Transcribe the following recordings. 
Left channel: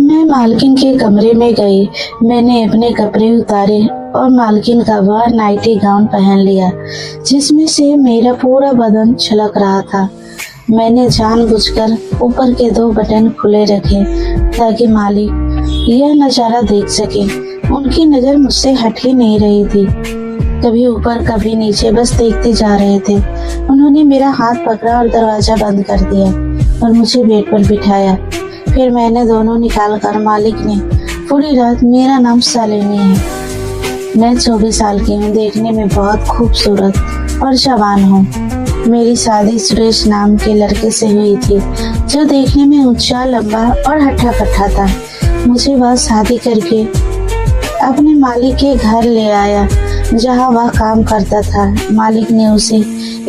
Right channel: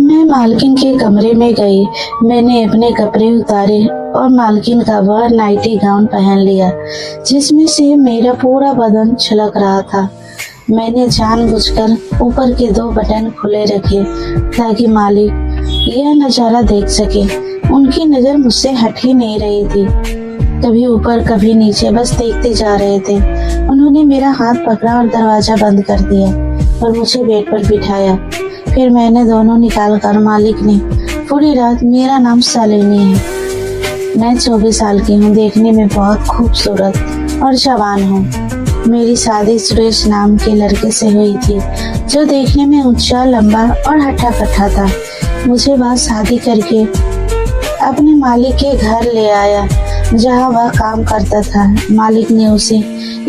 मैं मालकिन के कमरे में गई। मैंने अपने कपड़े उतारे और मालकिन का वह नाइटी गाउन पहन लिया जिसमें से मेरा पूरा बदन छलक रहा था। मैंने जानबूझकर ऊपर के 2 बटन खुले रखे ताकि मालिक यह नजारा देख सके। उनकी नजर मुझसे हट ही नहीं रही थी, कभी ऊपर कभी नीचे, बस देखते जा रहे थे। उन्होंने मेरा हाथ पकड़ा और दरवाजा बंद कर दिया और मुझे बेड पर बिठाया। फिर मैंने दोनों निकाल कर मालिक ने पूरी रात मेरा नाम सलोनी है। मैं 24 साल की हूँ, देखने में बहुत खूबसूरत और जवान हूँ। मेरी शादी सुरेश नाम के लड़के से हुई थी जो देखने में ऊंचा, लंबा और हट्टा कट्टा था। मुझे वह शादी करके अपने मालिक के घर ले आया जहाँ वह काम करता था। मालिक ने उसे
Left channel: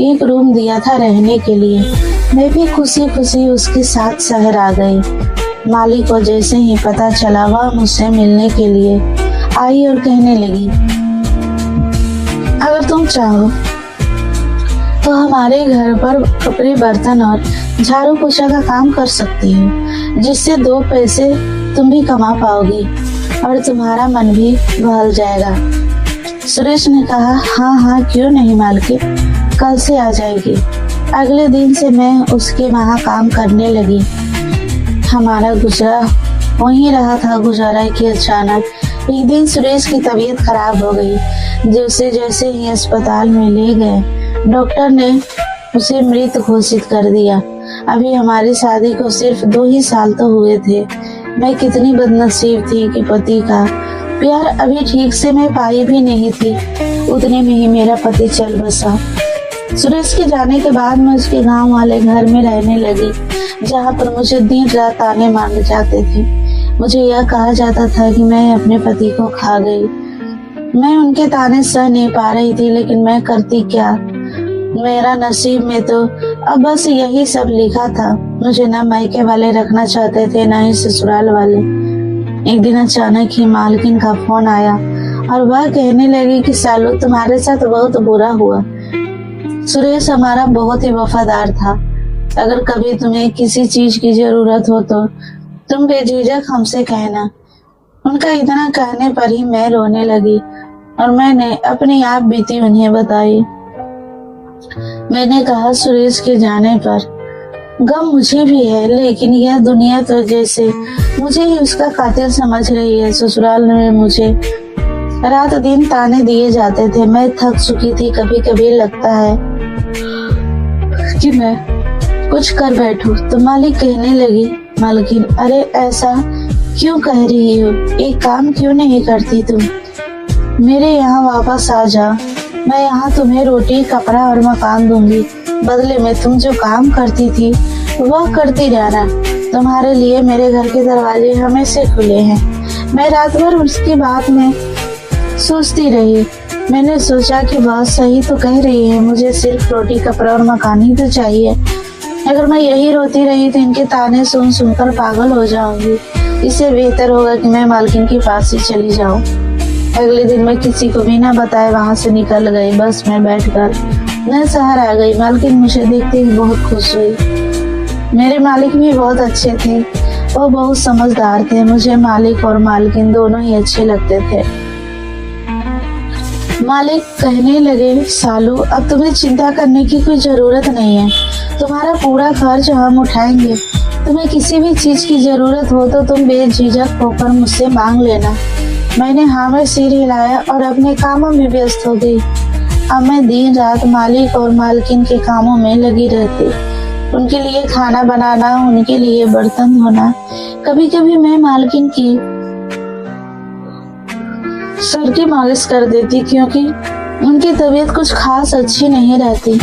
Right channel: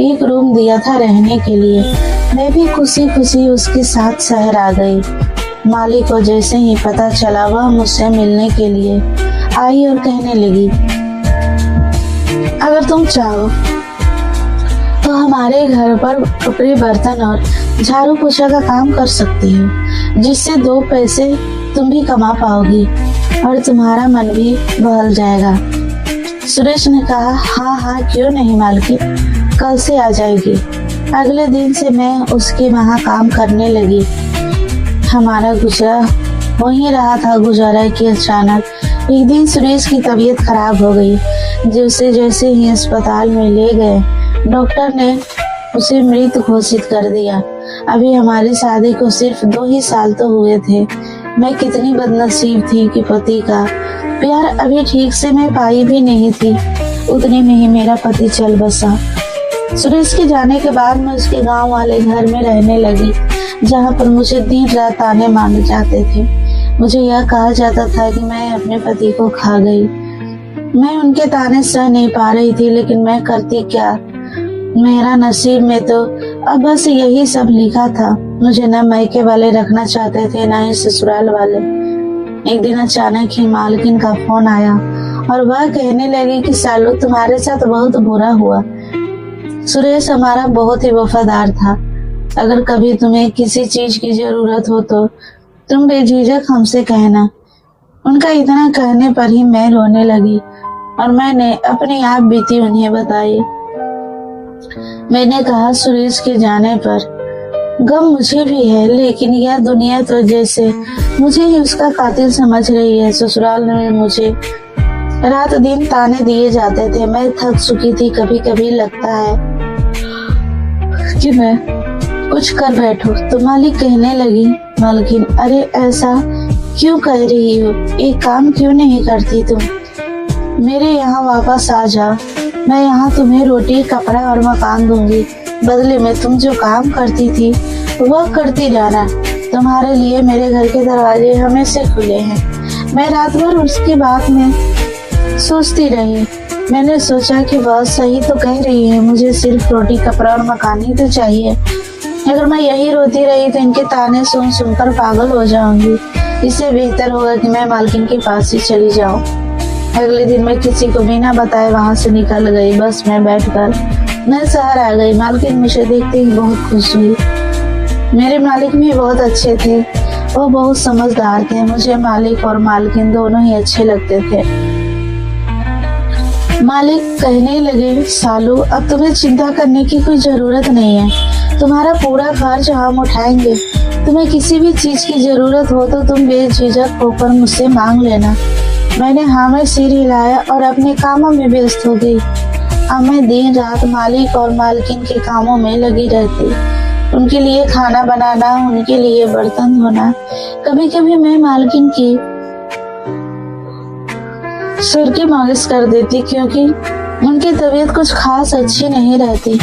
एक रूम दिया था रहने के लिए। मैं भी खुशी खुशी उसके साथ शहर आ गई। मालिक को जैसे ही पता चला वह मुझसे मिलने के लिए आई और कहने लगी, अगर तुम चाहो तो हमारे घर पर कपड़े, बर्तन और झाड़ू पोछा का काम कर सकती हो, जिससे 2 पैसे तुम भी कमा पाओगी और तुम्हारा मन भी बहल जाएगा। सुरेश ने कहा, हाँ हाँ क्यों नहीं मालकिन, कल से आ जाएगी। अगले दिन से मैं उसके वहाँ काम करने लगी। हमारा गुजारा हो ही रहा था गुजारा कि अचानक एक दिन सुरेश की तबीयत खराब हो गई। जैसे ही अस्पताल में ले गए, डॉक्टर ने उसे मृत घोषित कर दिया। अभी हमारी शादी को सिर्फ 2 ही साल तो हुए थे। मैं कितनी बदनसीब थी कि पति का प्यार अभी ठीक से मैं पाई भी नहीं थी। उतने में ही मेरा पति चल बसा। सुरेश के जाने के बाद मैं उसके गांव वाले घर में रहने लगी, जहां पर मुझे दिन रात ताने मारे जाते थे। मुझे यह कहा जाता था कि मैं अपने पति को खा गई। मैं उनके ताने सह नहीं पा रही थी, लेकिन मैं करती क्या। मेरा नसीब में तो अब बस यही सब लिखा था। मुझे ना मायके वाले रखना चाहते थे, ना ही ससुराल वाले। एक दिन अचानक ही मालकिन का फोन आया और वह कहने लगी कि सालू, तुम्हारे साथ बहुत बुरा हुआ। सुरेश हमारा बहुत ही वफादार था। अगर कभी तुम्हें किसी चीज की जरूरत हो तो तुम बेझिझक हमसे कहना। उनका इतना कहने पर ही मैं रोने लगी और मैंने अपनी आप बीती उन्हें बताई। मैंने कहा, सुरेश के जाने पर गम मुझे भी है, लेकिन यह दुनिया तो जैसे मुझे ही उसका कातिल समझ रही है। ससुराल में मुझे रात दिन ताने दिए जाते थे। मैं थक चुकी थी। कभी कभी लगता है कि मैं कुछ कर बैठूं। तो मालिक कहने लगी, मालकिन, अरे ऐसा क्यों कह रही हो? एक काम क्यों नहीं करती तुम? मेरे यहाँ वापस आ जा। मैं यहाँ तुम्हें रोटी, कपड़ा और मकान दूंगी। बदले में तुम जो काम करती थी वह करती रहना। तुम्हारे लिए मेरे घर के दरवाजे हमेशा खुले हैं। मैं रात भर उसकी बात में सोचती रही। मैंने सोचा कि वह सही तो कह रही है, मुझे सिर्फ रोटी, कपड़ा और मकान ही तो चाहिए। अगर मैं यही रोती रही तो इनके ताने सुन सुनकर पागल हो जाऊंगी। इससे बेहतर होगा कि मैं मालकिन के पास ही चली जाऊं। अगले दिन मैं किसी को बिना बताए वहां से निकल गई। बस मैं बैठकर मैं शहर आ गई। मालकिन मुझे देखते ही बहुत खुश हुई। मेरे मालिक भी बहुत अच्छे थे। वो बहुत समझदार थे। मुझे मालिक और मालकिन दोनों ही अच्छे लगते थे। मालिक कहने लगे, सालू, अब तुम्हें चिंता करने की कोई जरूरत नहीं है। तुम्हारा पूरा खर्च हम उठाएंगे। तुम्हें किसी भी चीज की जरूरत हो तो तुम बेझिझक होकर मुझसे मांग लेना। मैंने हाँ में सिर हिलाया और अपने कामों में व्यस्त हो गई। अब मैं दिन रात मालिक और मालकिन के कामों में लगी रहती। उनके लिए खाना बनाना, उनके लिए बर्तन धोना। कभी कभी मैं मालकिन की सिर की मालिश कर देती, क्योंकि उनकी तबीयत कुछ खास अच्छी नहीं रहती।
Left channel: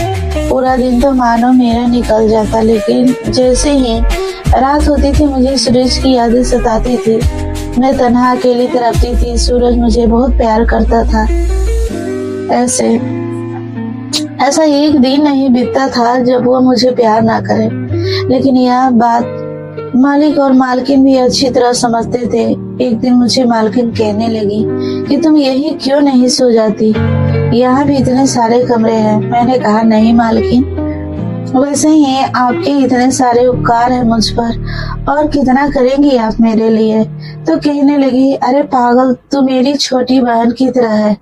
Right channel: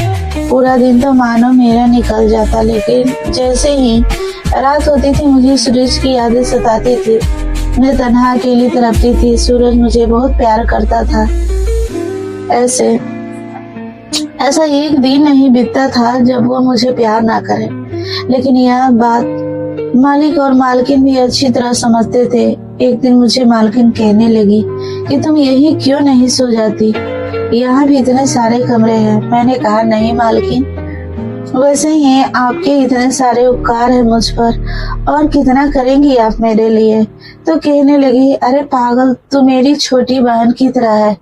पूरा दिन तो मानो मेरा निकल जाता, लेकिन जैसे ही रात होती थी मुझे सुरेश की यादें सताती थी। मैं तन्हा अकेली तड़पती थी। सूरज मुझे बहुत प्यार करता था। ऐसा एक दिन नहीं बीतता था जब वो मुझे प्यार ना करे। लेकिन यह बात मालिक और मालकिन भी अच्छी तरह समझते थे। एक दिन मुझे मालकिन कहने लगी कि तुम यही क्यों नहीं सो जाती? यहाँ भी इतने सारे कमरे हैं। मैंने कहा, नहीं मालकिन, वैसे ही आपके इतने सारे उपकार है मुझ पर, और कितना करेंगी आप मेरे लिए। तो कहने लगी, अरे पागल, तू मेरी छोटी बहन की तरह है,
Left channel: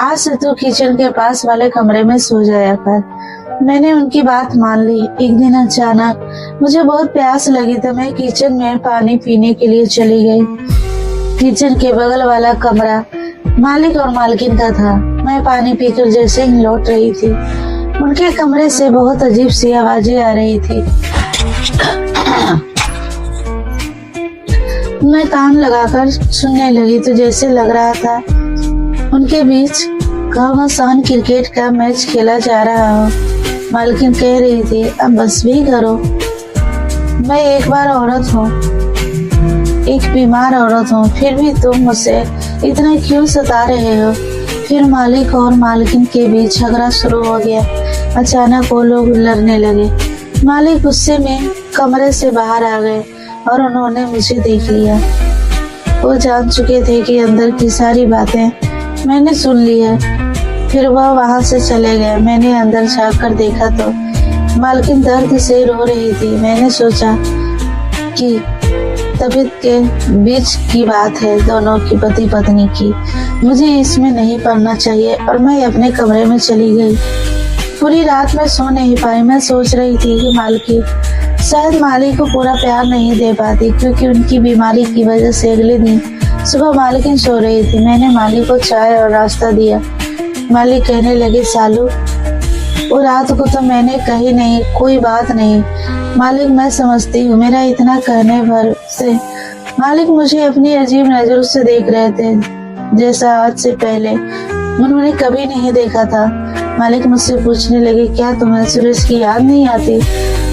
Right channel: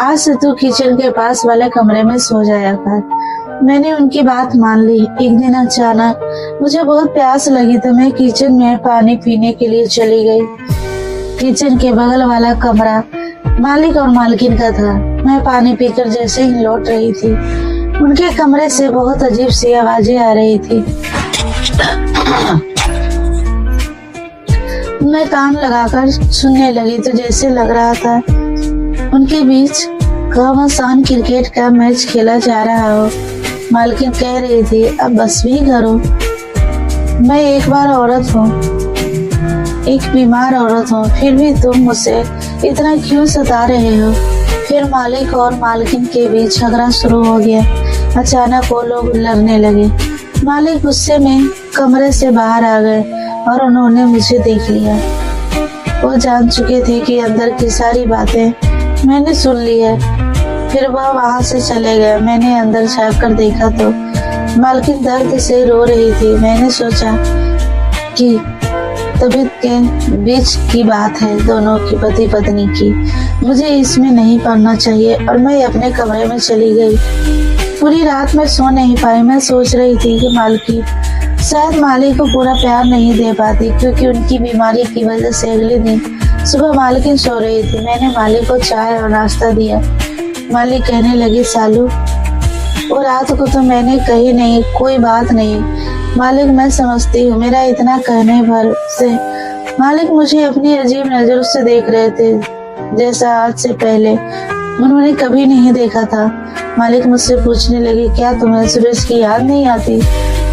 आज से तू किचन के पास वाले कमरे में सो जाया कर। मैंने उनकी बात मान ली। एक दिन अचानक मुझे बहुत प्यास लगी तो मैं किचन में पानी पीने के लिए चली गई। किचन के बगल वाला कमरा मालिक और मालकिन का था। मैं पानी पीकर जैसे ही लौट रही थी, उनके कमरे से बहुत अजीब सी आवाजें आ रही थी। मैं कान लगाकर सुनने लगी तो जैसे लग रहा था उनके बीच घमासान क्रिकेट का मैच खेला जा रहा हो। मालकिन कह रही थी, अब बस भी करो, मैं एक बार औरत हूँ, एक बीमार औरत हूँ, फिर भी तुम मुझसे इतना क्यों सता रहे हो। फिर मालिक और मालकिन के बीच झगड़ा शुरू हो गया। अचानक वो लोग लड़ने लगे। मालिक गुस्से में कमरे से बाहर आ गए और उन्होंने मुझे देख लिया। वो जान चुके थे कि अंदर की सारी बातें मैंने सुन ली है। फिर वह वहां से चले गए। मैंने अंदर जाकर देखा तो मालकिन दर्द से रो रही थी। मैंने सोचा कि तबीयत के बीच की बात है, दोनों की, पति पत्नी की, मुझे इसमें नहीं पड़ना चाहिए, और मैं अपने कमरे में चली गई। पूरी रात मैं सो नहीं पाई। मैं सोच रही थी कि मालकिन शायद मालिक को पूरा प्यार नहीं दे पाती, क्योंकि उनकी बीमारी की वजह से अगले दिन सुबह मालकिन सो रही थी। मैंने मालिक को चाय और नाश्ता दिया। मालिक कहने लगे, सालू, वो रात को तो मैंने कही नहीं, कोई बात नहीं मालिक, मैं समझती हूँ, मेरा इतना कहने भर से। मालिक मुझे अपनी अजीब नजरों से देख रहे थे, जैसा आज से पहले उन्होंने कभी नहीं देखा था। मालिक मुझसे पूछने लगे, क्या तुम्हें सुरेश की याद नहीं आती?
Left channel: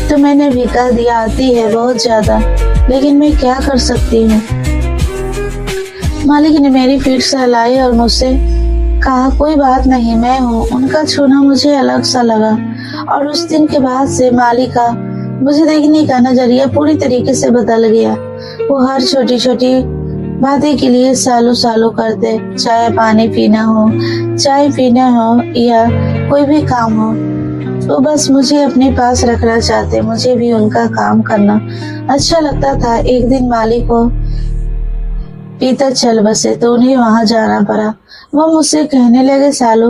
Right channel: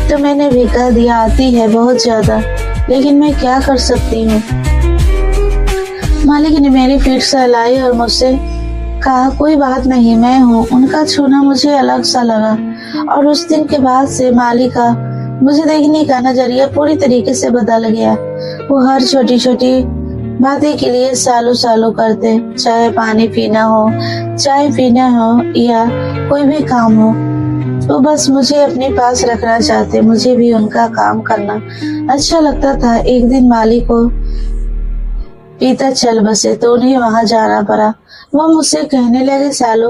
तो मैंने भी कह दिया, आती है बहुत ज्यादा, लेकिन मैं क्या कर सकती हूँ। मालिक ने मेरी पीठ सहलाई और मुझसे कहा, कोई बात नहीं, मैं हूँ। उनका छूना मुझे अलग सा लगा, और उस दिन के बाद से मालिक का मुझे देखने का नजरिया पूरी तरीके से बदल गया। वो हर छोटी छोटी बातें के लिए सालों सालों करते, चाहे पानी पीना हो, चाय पीना हो, या कोई भी काम हो, तो बस मुझे अपने पास रखना चाहते। मुझे भी उनका काम करना अच्छा लगता था। एक दिन मालिक को पीता चल बसे तो उन्हें वहां जाना पड़ा। वो मुझसे कहने लगे, सालू,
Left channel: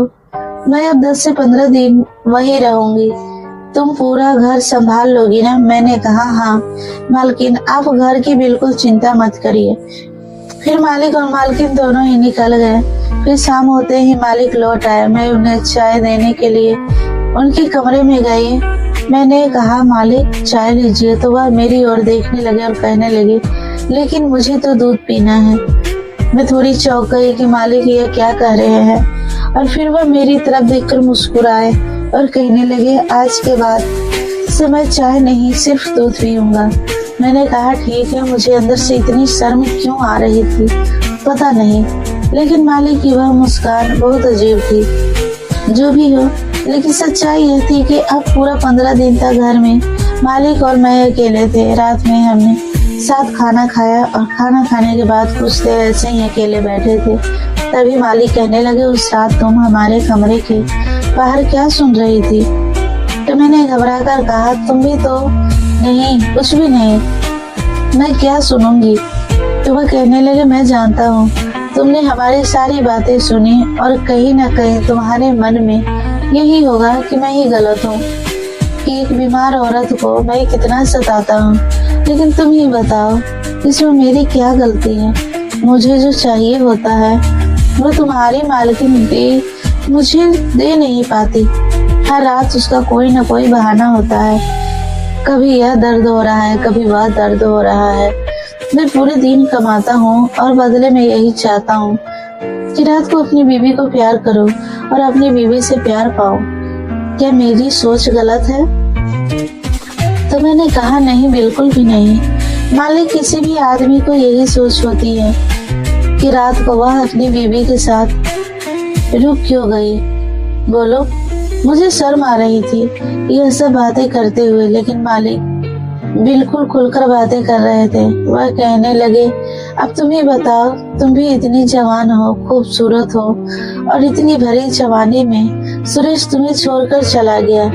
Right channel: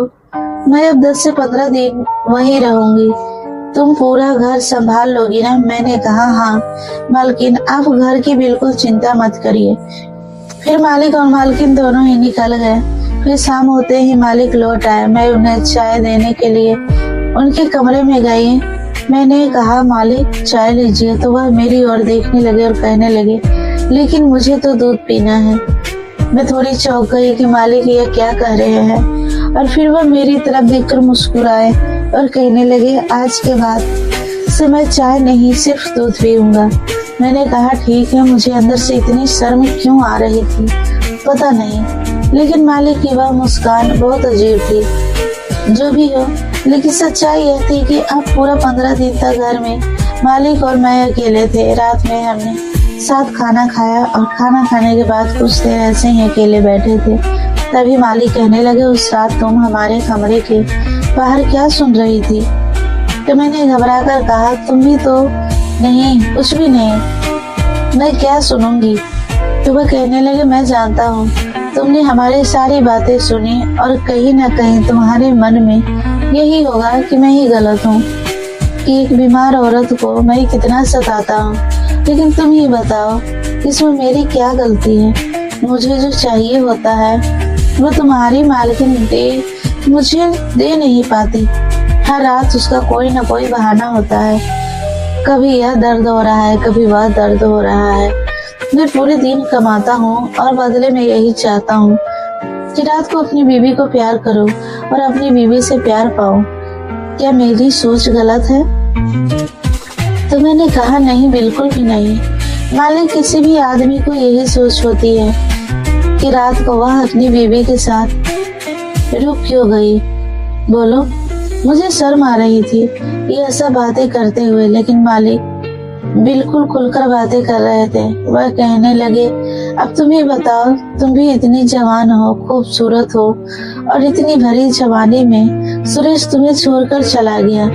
मैं अब 10 से 15 दिन वहीं रहूंगी, तुम पूरा घर संभाल लोगी ना? मैंने कहा, हाँ मालकिन, आप घर की बिल्कुल चिंता मत करिए। फिर मालिक और मालकिन दोनों ही निकल गए। फिर शाम होते ही मालिक लौट आए। मैं उन्हें चाय देने के लिए उनके कमरे में गई। मैंने कहा, मालिक चाय लीजिए, तो वह मेरी ओर देखने लगे और कहने लगे, लेकिन मुझे तो दूध पीना है। मैं थोड़ी चौंक गई कि मालिक ये क्या कह रहे हैं, और फिर वह मेरी तरफ देखकर मुस्कुराए और कहने लगे, आज के बाद से मैं चाय नहीं, सिर्फ दूध पीऊंगा। मैंने कहा, ठीक है। मुझे अंदर से इतनी शर्म क्यों आ रही थी पता नहीं, लेकिन मालिक की वह मुस्कान बहुत अजीब थी। जो भी हो, लेकिन सच्चाई यह थी कि अब पूरा 15 दिन तक घर में मालिक और मैं अकेले थे। रात में हमने साथ खाना खाया, और खाना खाने के बाद कुछ देर ऐसे ही अकेले बैठे थे। तभी मालिक कहने लगे, उस रात तुम हमारे कमरे के बाहर क्या सुन रही थी? तो मैंने घबरा कर कहा, तुम भी तो नहीं, कुछ भी नहीं, मैं क्या सुनूंगी। तो वह कहने लगे, मैं जानता हूँ तुमने हमारी सारी बातें सुनी, और कहीं ना कहीं तुम्हारे मन में यही होगा कि मैं ही गलत हूँ, कि एक बीमार औरत को मैं कितना सताता हूँ। लेकिन तुम ही बताओ, इसमें मेरी क्या गलती है? मुझे जो चाहिए होता है वह तुम्हारी मालकिन मुझे दे नहीं पाती। हर रात उसका कोई ना कोई बहाना होता है, कभी यह दर्द हो रहा है, कभी वह दर्द हो रहा है। मैं पूरे दिन कमाता हूँ और बदले में यही चाहता हूँ कि रात को अपनी बीवी को प्यार करूँ और अपनी बीवी से प्यार पाऊँ। क्या मेरी सोच गलत है? तो मैंने कहा, नहीं, बिल्कुल भी नहीं। मालिक, किसी भी आदमी को यही सोच होती है कि रात को वह अपनी बीवी के साथ रुक क्यों गई। बोलो। मुझे शर्म आ रही थी यह सब बातें करते हुए, लेकिन मालिक बिल्कुल खुलकर बातें कर रहे थे। वह कहने लगे, अब तुम ही बताओ, तुम भी इतनी जवान हो, खूबसूरत हो, और इतनी भरी जवानी में सुरेश तुम्हें छोड़कर चला गया।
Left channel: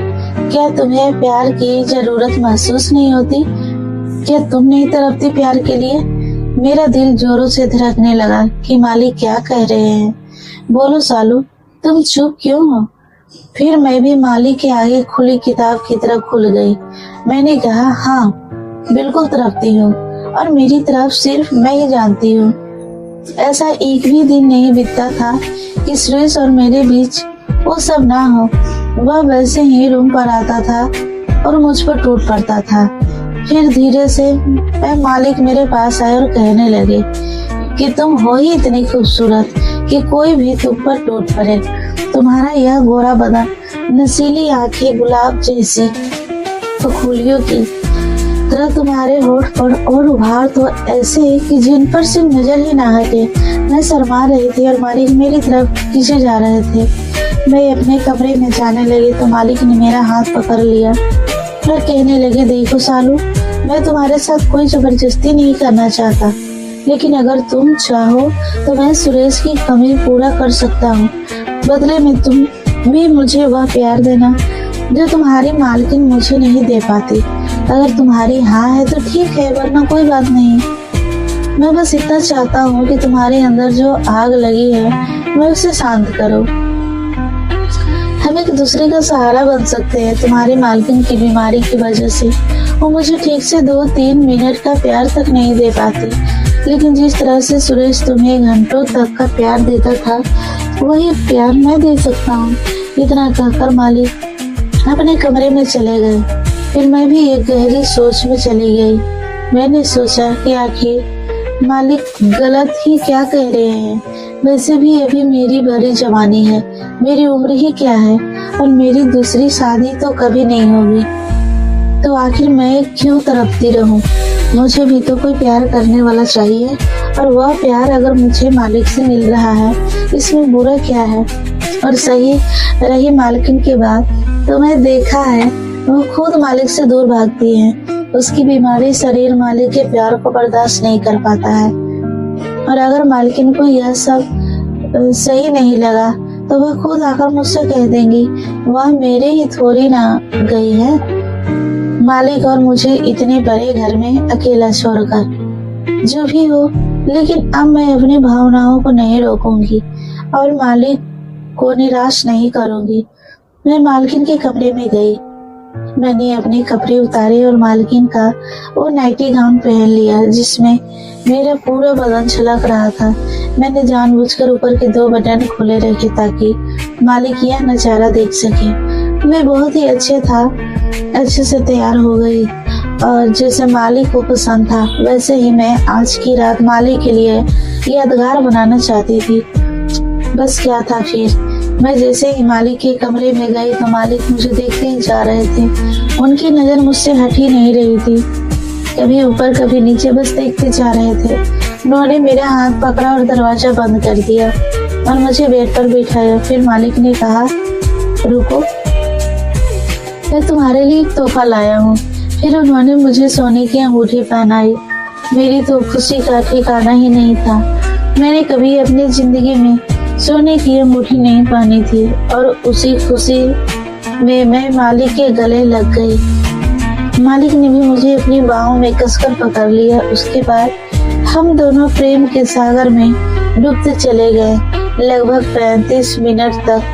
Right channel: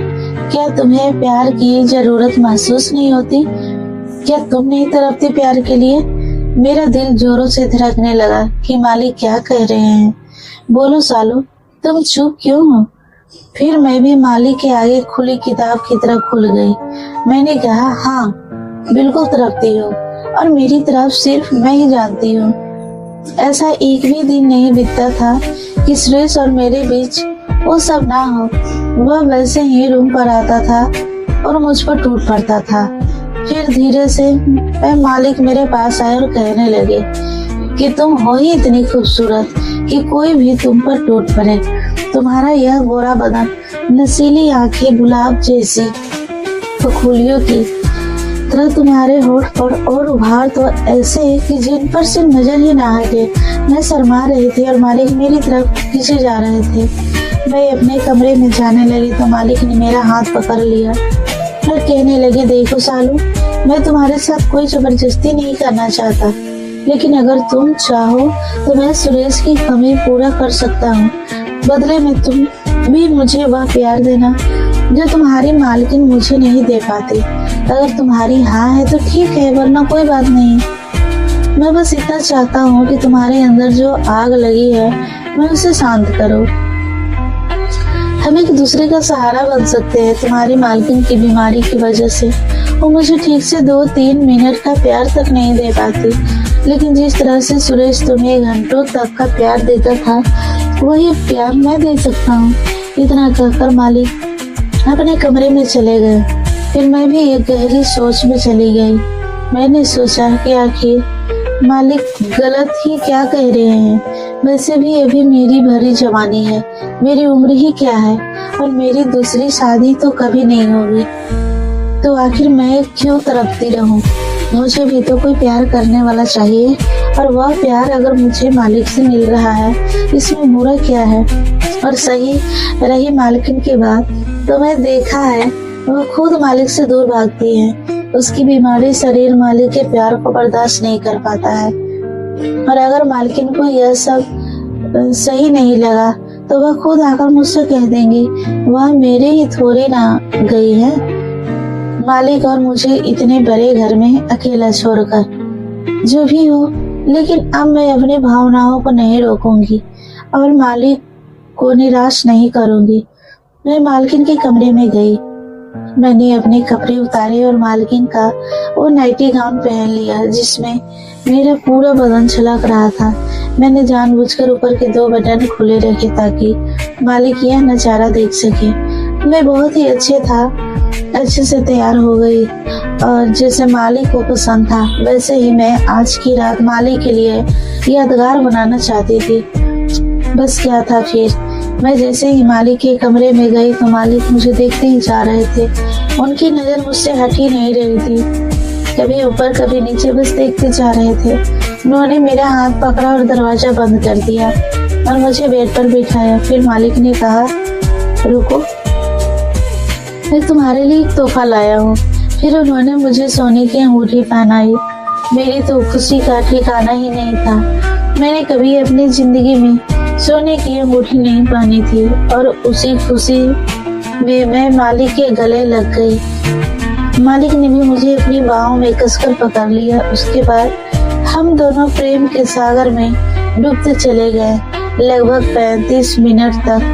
क्या तुम्हें प्यार की जरूरत महसूस नहीं होती? क्या तुम नहीं तड़पती प्यार के लिए? मेरा दिल जोरों से धड़कने लगा कि मालिक क्या कह रहे हैं। बोलो सालू, तुम चुप क्यों हो? फिर मैं भी मालिक के आगे खुली किताब की तरफ खुल गई। मैंने कहा, हाँ बिल्कुल तड़पती हो, और मेरी तरफ सिर्फ मैं ही जानती हूँ। ऐसा एक भी दिन नहीं बीतता था कि सुरेश और मेरे बीच वो सब ना हो। वह वैसे ही रूम पर आता था और मुझ पर टूट पड़ता था। फिर धीरे से मैं मालिक मेरे पास आए और कहने लगे कि तुम हो ही इतनी खूबसूरत कि कोई भी तुम पर टूट पड़े। तुम्हारा यह गोरा बदन, नशीली आंखें गुलाब जैसी फूलियों की तरह, तुम्हारे होठ पर और उभार तो ऐसे कि जिन पर से नजर ही ना हटे। मैं शर्मा रही थी और मालिक मेरी तरफ खींचे जा रहे थे। मैं अपने कमरे में जाने लगी तो मालिक ने मेरा हाथ पकड़ लिया और कहने लगी, देखो सालू, मैं तुम्हारे साथ कोई जबरदस्ती नहीं करना चाहता, लेकिन अगर तुम चाहो तो मैं सुरेश की कमी पूरा कर सकता हूँ। बदले में तुम भी मुझे वह प्यार देना जो तुम्हारी मालकिन मुझे नहीं दे पाती। अगर तुम्हारी हाँ है तो ठीक है, वरना कोई बात नहीं। मैं बस इतना चाहता हूँ कि तुम्हारे अंदर जो आग लगी है मैं उसे शांत करो। हम एक दूसरे का सहारा बन सकते हैं। तुम्हारी मालकिन की बीमारी की वजह से वो मुझे ठीक से 2-3 मिनट का प्यार तक नहीं दे पाती, लेकिन जिस तरह से सुरेश तुम्हें घंटों तक का प्यार देता था वही प्यार मैं दे सकता हूँ। इतना कहकर मालिक अपने कमरे में चले गए। फिर मैं भी एक गहरी सोच में चली गई। मैंने सोचा कि आखिर मालिक गलत ही क्या कह रहे हैं। वैसे भी अभी मेरी भरी जवानी है, मेरी उम्र ही क्या है, और मेरी दूसरी शादी तो कभी नहीं होगी। तो आखिर मैं क्यों तड़पती रहूं? मुझे भी तो कोई प्यार करने वाला चाहिए, और वह प्यार अगर मुझे मालिक से मिल रहा है इसमें बुरा क्या है? और सही रही मालकिन की बात, तो मैं देखा है वो खुद मालिक से दूर भागती है। उसकी बीमारी शरीर मालिक के प्यार को बर्दाश्त नहीं कर पाता है, और अगर मालकिन को यह सब सही नहीं लगा तो वह खुद आकर मुझसे कह देंगी, वह मेरे ही थोड़ी ना गई है मालिक और मुझे इतने बड़े घर में अकेला छोड़कर। जो भी हो, लेकिन अब मैं अपनी भावनाओं को नहीं रोकूंगी और मालिक को निराश नहीं करूंगी। मैं मालकिन के कमरे में गई। मैंने अपने कपड़े उतारे और मालकिन का वो नाइटी गाउन पहन लिया जिसमें मेरा पूरा बदन झलक रहा था। मैंने जानबूझकर ऊपर के 2 बटन खुले रखे ताकि मालिक यह नजारा देख सके। मैं बहुत ही अच्छे से तैयार हो गई, और जैसे मालिक को पसंद था वैसे ही मैं आज की रात मालिक के लिए यादगार बनाना चाहती थी। बस क्या था फिर। मैं जैसे ही मालिक के कमरे में गई तो मालिक मुझे देखते ही जा रहे थे। उनकी नजर मुझसे हट ही नहीं रही थी, कभी ऊपर कभी नीचे, बस देखते जा रहे थे। उन्होंने मेरा हाथ पकड़ा और दरवाजा बंद कर दिया और मुझे बेड पर बिठाया। फिर मालिक ने कहा, रुको, मैं तुम्हारे लिए एक तोहफा लाया हूँ। फिर उन्होंने मुझे सोने की अंगूठी पहनाई। मेरी तो खुशी का ठिकाना ही नहीं था। मैंने कभी अपनी जिंदगी में सोने की अंगूठी नहीं पहनी थी, और उसी खुशी में मैं मालिक के गले लग गई। मालिक ने भी मुझे अपनी बाहों में कसकर पकड़ लिया। उसके बाद हम दोनों प्रेम के सागर में डूबते चले गए। लगभग 35 मिनट तक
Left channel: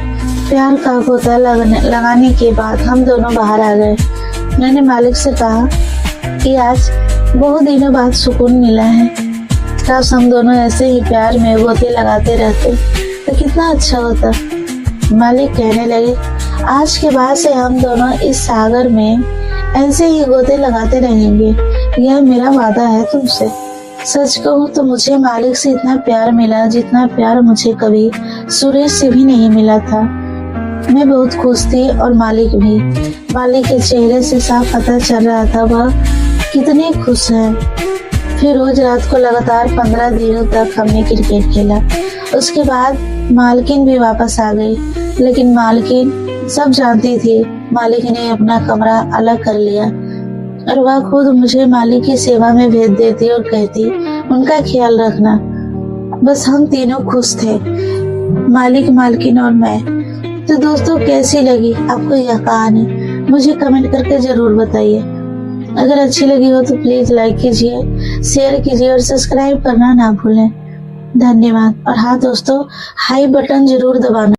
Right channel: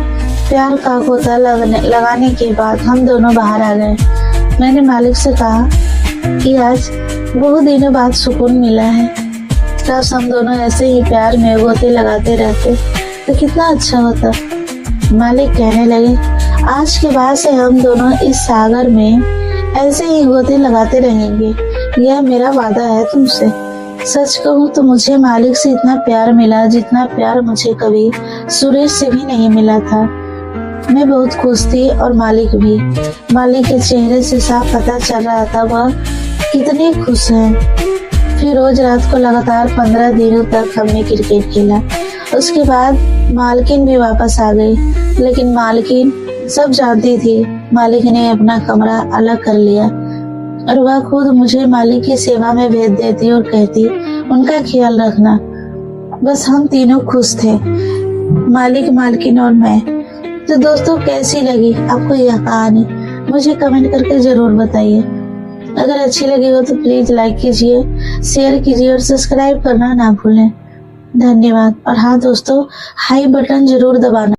प्यार का गोता लगाने के बाद हम दोनों बाहर आ गए। मैंने मालिक से कहा कि आज बहुत दिनों बाद सुकून मिला है। काश हम दोनों ऐसे ही प्यार में गोते लगाते रहते तो कितना अच्छा होता। मालिक कहने लगे, आज के बाद से हम दोनों इस सागर में ऐसे ही गोते लगाते रहेंगे, यह मेरा वादा है तुमसे। सच कहूँ तो मुझे मालिक से इतना प्यार मिला जितना प्यार मुझे कभी सुरेश से भी नहीं मिला था। मैं बहुत खुश थी और मालिक भी। मालिक के चेहरे से साफ पता चल रहा था वह कितने खुश हैं। फिर रोज रात को लगातार 15 दिनों तक हमने क्रिकेट खेला। उसके बाद मालकिन भी वापस आ गई, लेकिन मालकिन सब जानती थी। मालिक ने अपना कमरा अलग कर लिया और वह खुद मुझे मालिक की सेवा में भेज देती और कहती, उनका ख्याल रखना। बस हम तीनों खुश थे, मालिक, मालकिन और मैं। तो दोस्तों, कैसी लगी आपको यह कहानी? मुझे कमेंट करके जरूर बताइए। अगर अच्छी लगी हो तो प्लीज लाइक कीजिए, शेयर कीजिए और सब्सक्राइब करना ना भूलें। धन्यवाद। और हाँ दोस्तों, हाई बटन जरूर दबाना।